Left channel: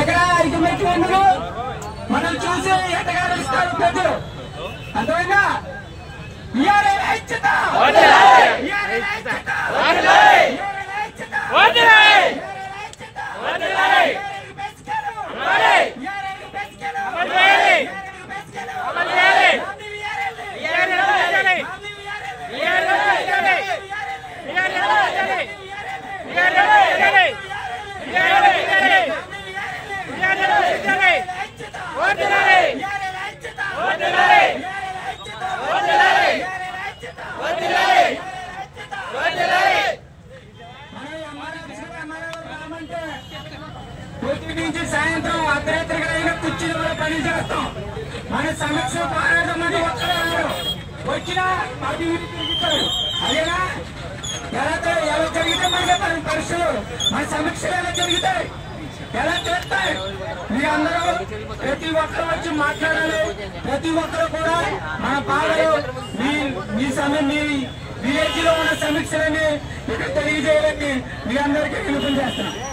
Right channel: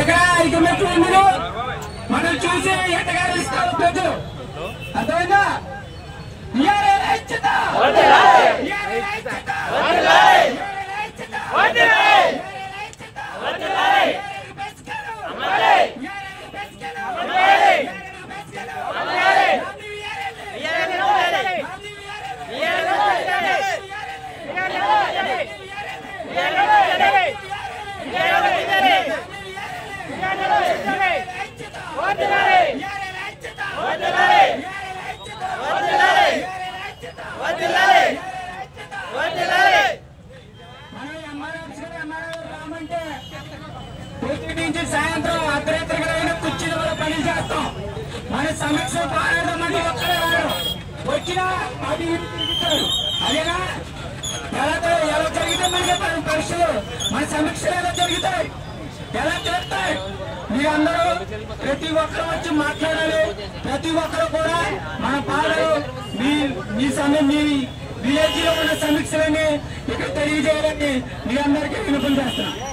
ఇక్కడ ఐకమత్య ఉండును మనం చూసి ఎటగారిస్తారు ప్రజలు. అర్థమైందా? పొద్దు నుంచి సాయంత్రం అర్ధరాత్రికైనా కుర్చీలు కూడా పని చేస్తాం. మన సమస్య పోరాటం మంది వచ్చినా అటు ఇటు తిరుగుతారు. అదేనా ఎలా జరిగితే మనకి పరీక్షలు మన సమీక్షలు ఎలా జరుగుతాయి, ఎలా చేస్తాయి? మీరందరూ ప్రతి ఒక్కరు వచ్చి మాట్లాడాలి. ప్రతి ఒక్కరు కూడా మన బాధలు మీ సమయం మీ విలేజ్ లో ఉన్న సమీక్షలని ఇక్కడ తెలియజేయాలని మీ అందరికీ విన్నపం చేస్తున్నాం.